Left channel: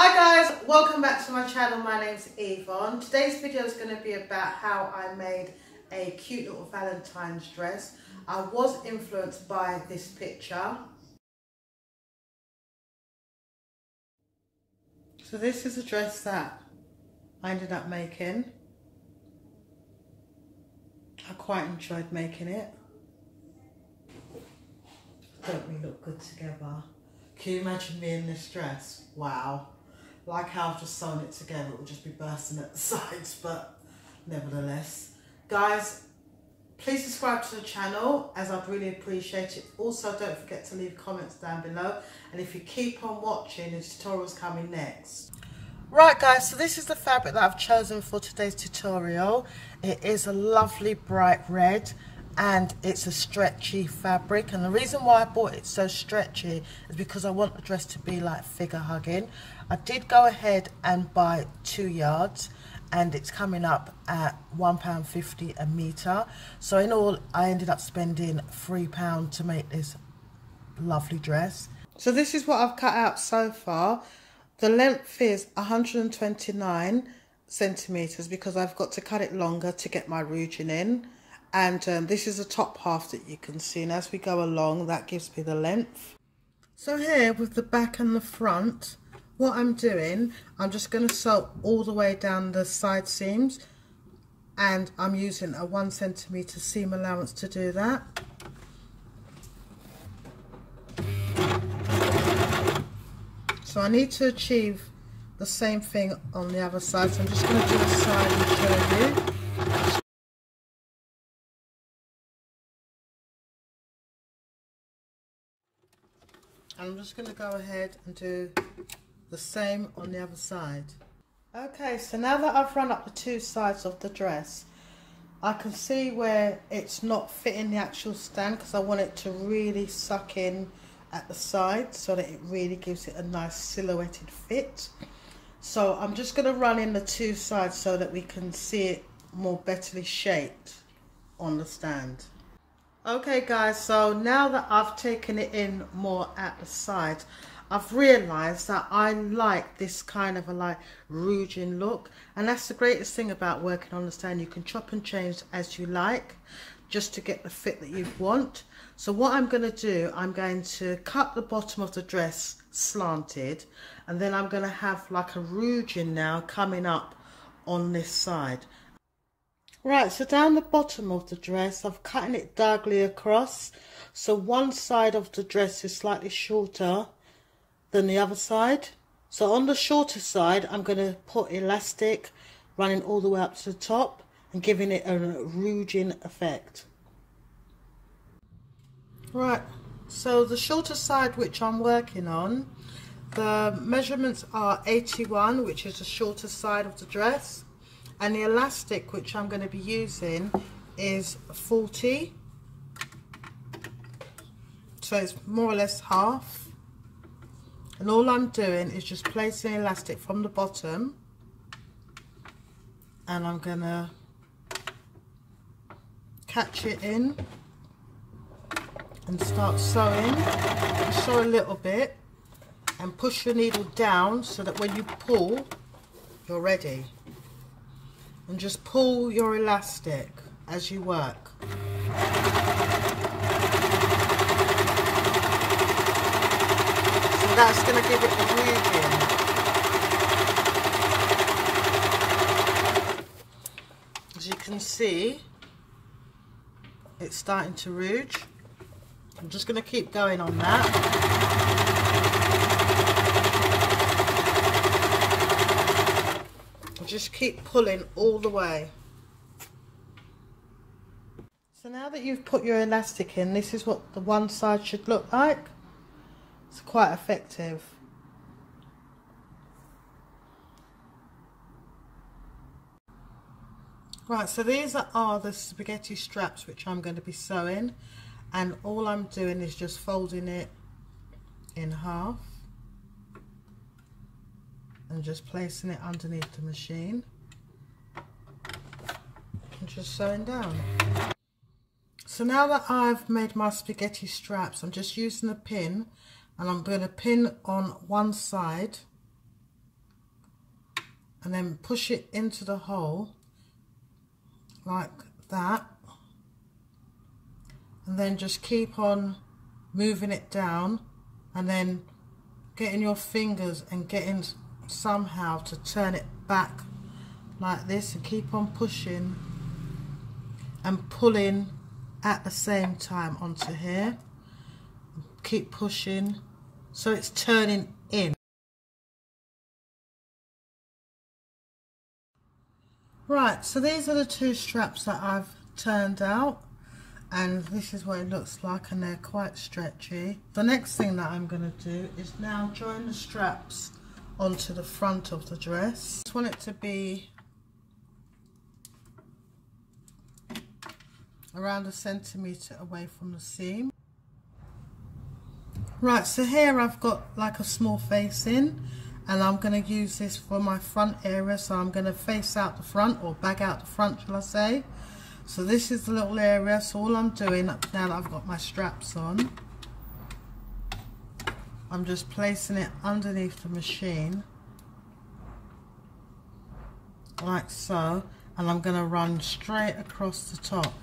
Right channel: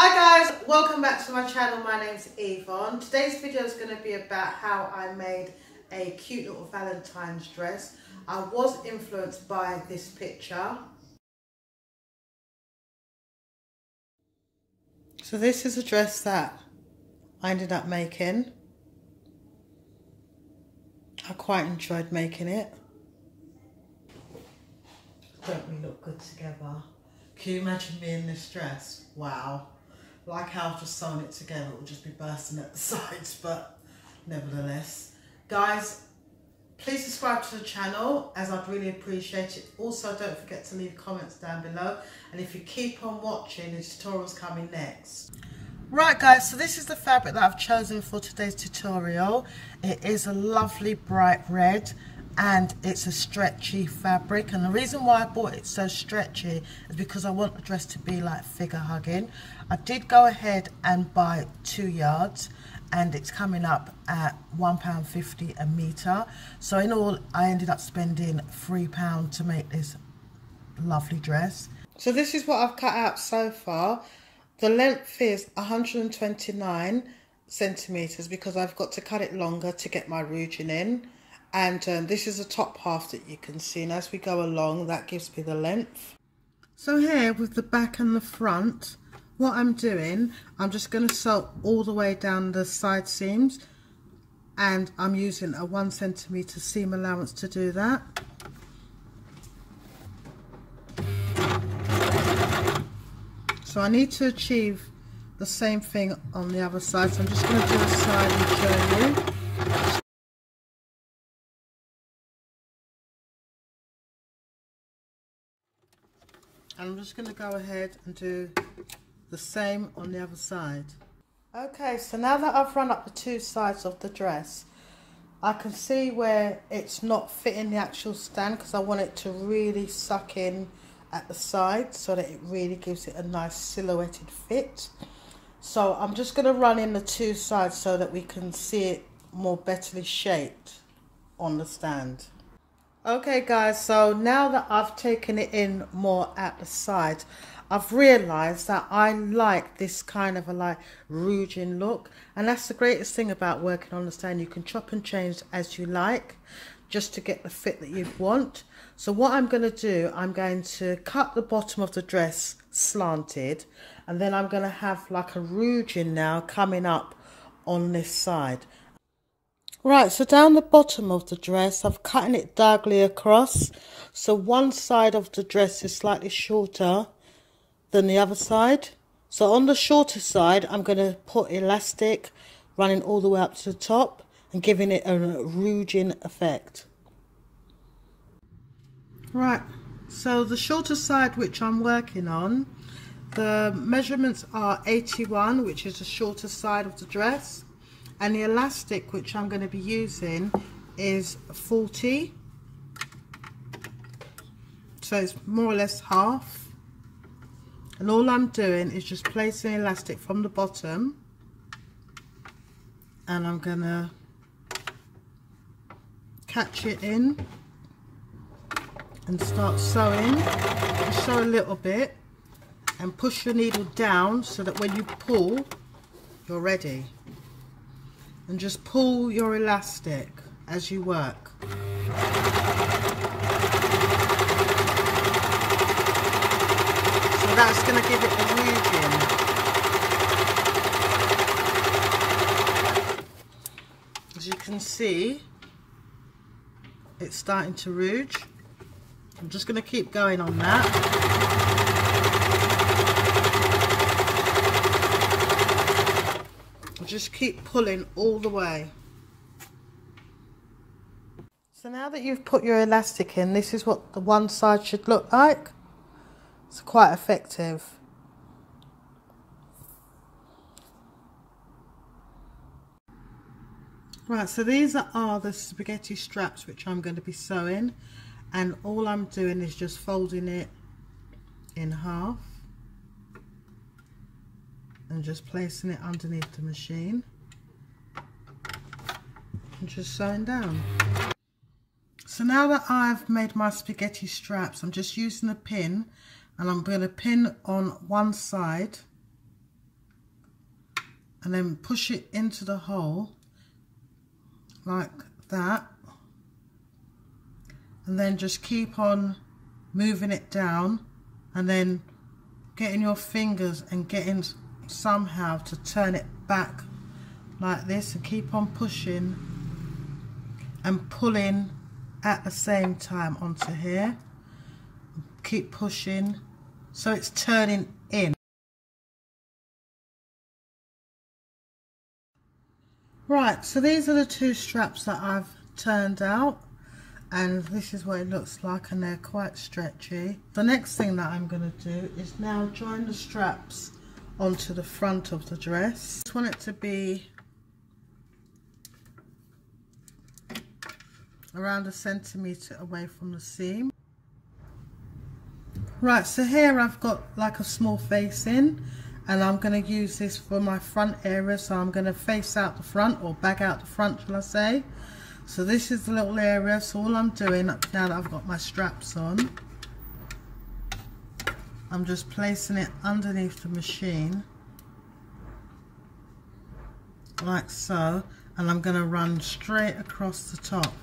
Hi guys, welcome back to my channel. My name's Yvonne. Today's video is going to be about how I made a cute little Valentine's dress. I was influenced by this picture. So this is a dress that I ended up making. I quite enjoyed making it. Don't we look good together? Can you imagine me in this dress? Wow. Like how I've just sewn it together, it will just be bursting at the sides, but nevertheless. Guys, please subscribe to the channel as I'd really appreciate it. Also, don't forget to leave comments down below. And if you keep on watching, the tutorial's coming next. Right guys, so this is the fabric that I've chosen for today's tutorial. It is a lovely bright red and it's a stretchy fabric, and the reason why I bought it so stretchy is because I want the dress to be like figure hugging. I did go ahead and buy 2 yards and it's coming up at £1.50 a metre. So in all I ended up spending £3 to make this lovely dress. So this is what I've cut out so far. The length is 129 centimetres because I've got to cut it longer to get my ruching in. And this is the top half that you can see, and as we go along that gives me the length. So here with the back and the front, what I'm doing, I'm just going to sew all the way down the side seams, and I'm using a 1 centimetre seam allowance to do that. So I need to achieve the same thing on the other side, so I'm just going to do the side and show you. I'm just going to go ahead and do the same on the other side. Okay, so now that I've run up the 2 sides of the dress, I can see where it's not fitting the actual stand because I want it to really suck in at the side so that it really gives it a nice silhouetted fit. So I'm just going to run in the 2 sides so that we can see it more betterly shaped on the stand. Okay guys, so now that I've taken it in more at the side, I've realised that I like this kind of a like rouging look, and that's the greatest thing about working on the stand. You can chop and change as you like just to get the fit that you want. So what I'm going to do, I'm going to cut the bottom of the dress slanted, and then I'm going to have like a rouging now coming up on this side. Right, so down the bottom of the dress, I'm cutting it diagonally across. So one side of the dress is slightly shorter than the other side. So on the shorter side, I'm going to put elastic running all the way up to the top and giving it a rouging effect. Right, so the shorter side which I'm working on, the measurements are 81, which is the shorter side of the dress. And the elastic which I'm going to be using is 40, so it's more or less half. And all I'm doing is just placing elastic from the bottom, and I'm going to catch it in and start sewing. Just sew a little bit and push your needle down so that when you pull, you're ready. And just pull your elastic as you work. So that's going to give it a weaving. As you can see, it's starting to rouge. I'm just going to keep going on that. Just keep pulling all the way. So now that you've put your elastic in, this is what the one side should look like. It's quite effective. Right, so these are the spaghetti straps which I'm going to be sewing, and all I'm doing is just folding it in half and just placing it underneath the machine and just sewing down. So now that I've made my spaghetti straps, I'm just using a pin, and I'm going to pin on one side and then push it into the hole like that, and then just keep on moving it down, and then getting your fingers and getting somehow to turn it back like this, and keep on pushing and pulling at the same time onto here. Keep pushing so it's turning in. Right, so these are the two straps that I've turned out, and this is what it looks like, and they're quite stretchy. The next thing that I'm going to do is now join the straps onto the front of the dress. I just want it to be around 1 centimetre away from the seam. Right, so here I've got like a small facing, and I'm going to use this for my front area, so I'm going to face out the front, or bag out the front shall I say. So this is the little area, so all I'm doing now that I've got my straps on, I'm just placing it underneath the machine like so, and I'm going to run straight across the top.